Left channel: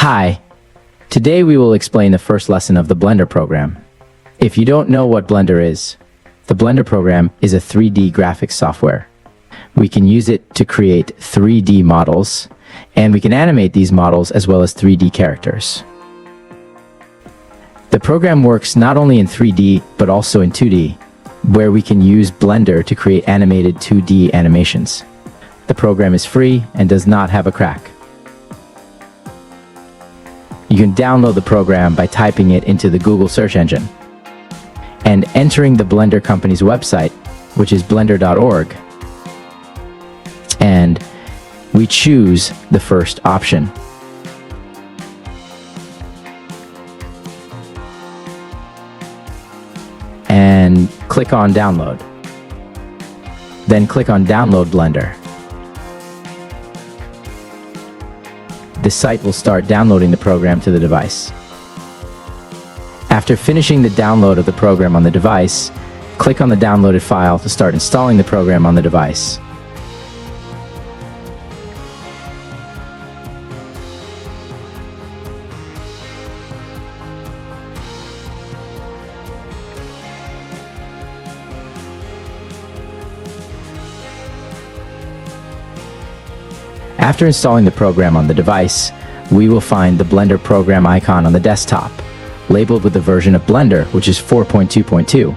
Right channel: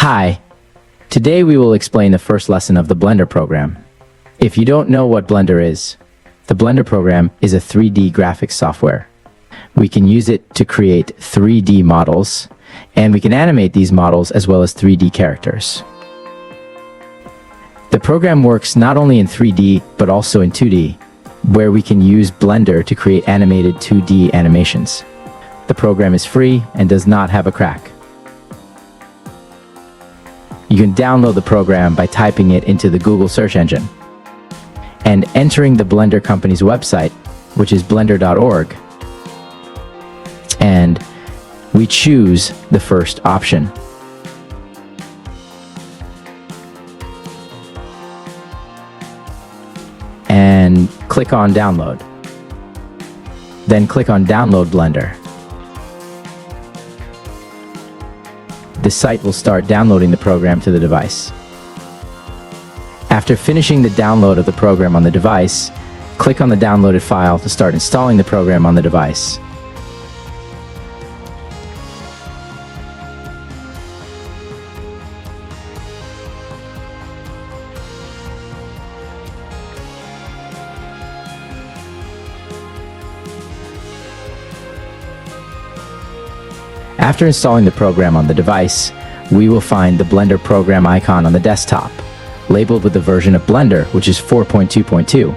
Hi, today we will explain the first lesson of the Blender program. If you don't know what Blender is, the Blender program is a 3D graphics software. We can use it to create 3D models, and we can animate these models as well as 3D characters. The program works not only in 3D, but also in 2D, where we can use Blender to create animated 2D animations. The program is free and does not have a crack. You can download the program by typing it into the Google search engine and entering the Blender company's website, which is blender.org, and we choose the first option. And click on Download. Then click on Download Blender. The site will start downloading the program to the device. After finishing the download of the program on the device, click on the downloaded file to start installing the program on the device. After installing the program on the device, we will find the Blender program icon on the desktop, labeled with the version of Blender, which is 4.2.2.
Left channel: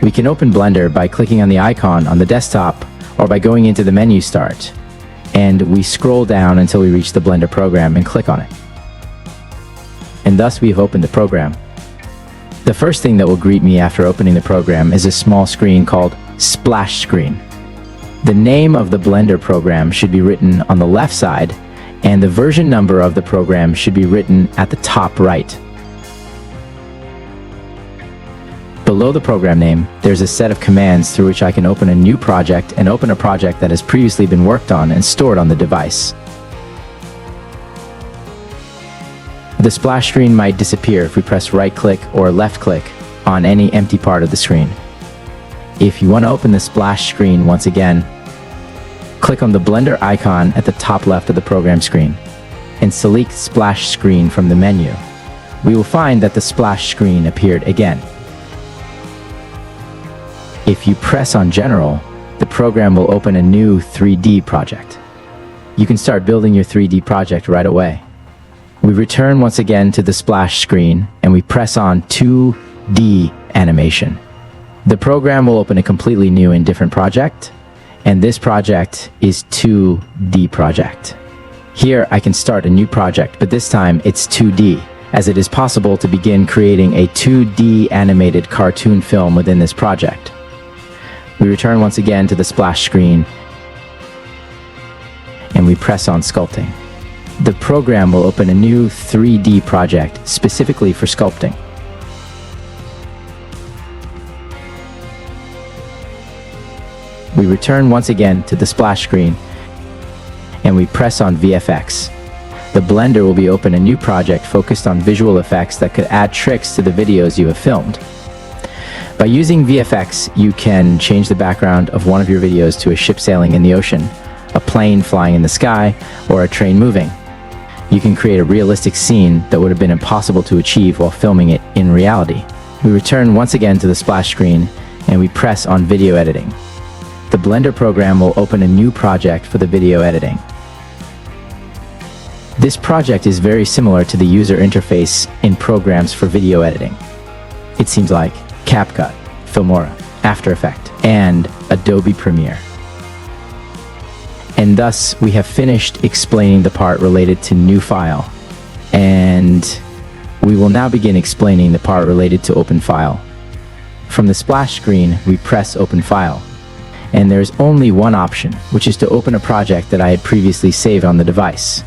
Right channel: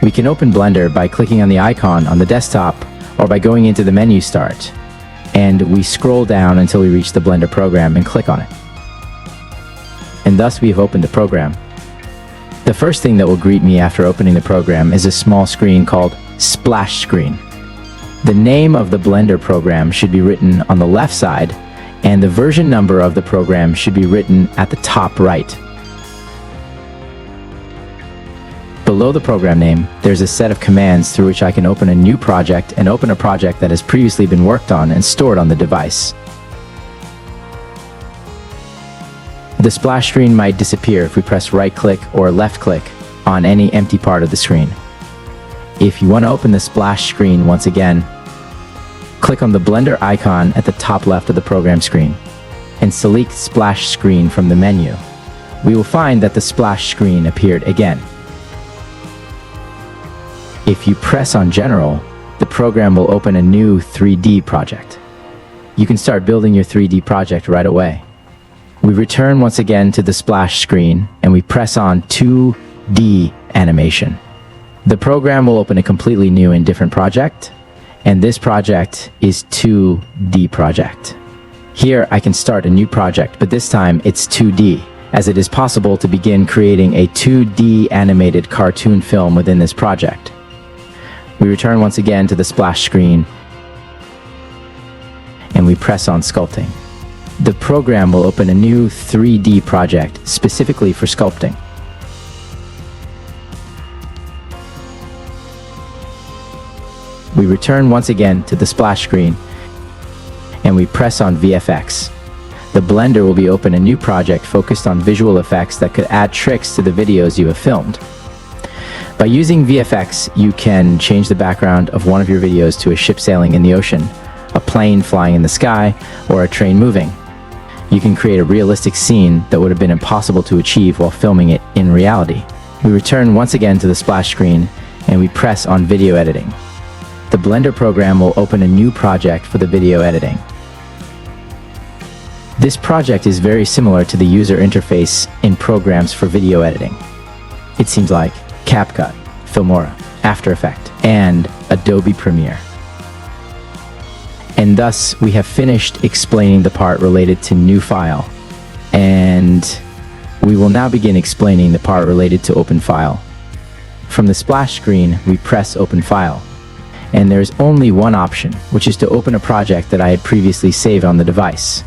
We can open Blender by clicking on the icon on the desktop or by going into the menu Start, and we scroll down until we reach the Blender program and click on it. And thus we've opened the program. The first thing that will greet me after opening the program is a small screen called Splash Screen. The name of the Blender program should be written on the left side, and the version number of the program should be written at the top right. Below the program name, there's a set of commands through which I can open a new project and open a project that has previously been worked on and stored on the device. The splash screen might disappear if we press right-click or left-click on any empty part of the screen. If you want to open the splash screen once again, click on the Blender icon at the top left of the program screen and select Splash Screen from the menu. We will find that the splash screen appeared again. If you press on General, the program will open a new 3D project. You can start building your 3D project right away. We return once again to the splash screen and we press on 2D animation. The program will open a completely new and different project, and this project is 2D project. Here I can start a new project, but this time it's 2D, as it is possible to begin creating a 2D animated cartoon film within this project. We return once again to the splash screen, and we press on sculpting. The program will open a new 3D project specifically for sculpting. We return once again to the splash screen and we press on VFX. The Blender will be open a new project focused on visual effects that could add tricks to the videos you have filmed. By using VFX, you can change the background of one of your videos to a ship sailing in the ocean, a plane flying in the sky, or a train moving. You can create a realistic scene that would have been impossible to achieve while filming it in reality. We return once again to the splash screen and we press on video editing. The Blender program will open a new project for the video editing. This project is very similar to the user interface in programs for video editing. It seems like CapCut, Filmora, After Effects, and Adobe Premiere. And thus we have finished explaining the part related to new file, and we will now begin explaining the part related to open file. From the splash screen, we press open file. And there's only one option, which is to open a project that I had previously saved on the device.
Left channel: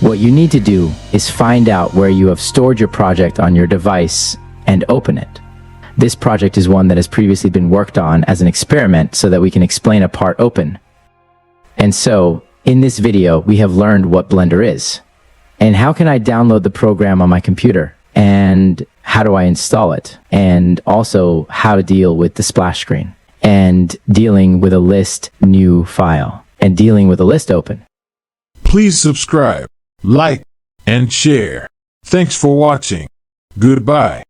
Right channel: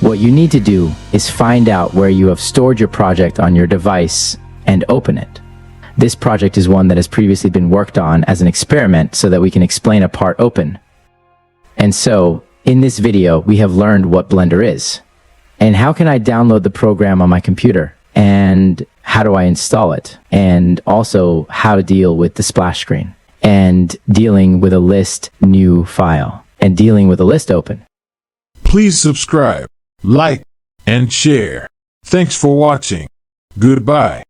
What you need to do is find out where you have stored your project on your device and open it. This project is one that has previously been worked on as an experiment so that we can explain a part open. And so, in this video, we have learned what Blender is. And how can I download the program on my computer? And how do I install it? And also, how to deal with the splash screen. And dealing with a list new file. And dealing with a list open. Please subscribe, like, and share. Thanks for watching. Goodbye.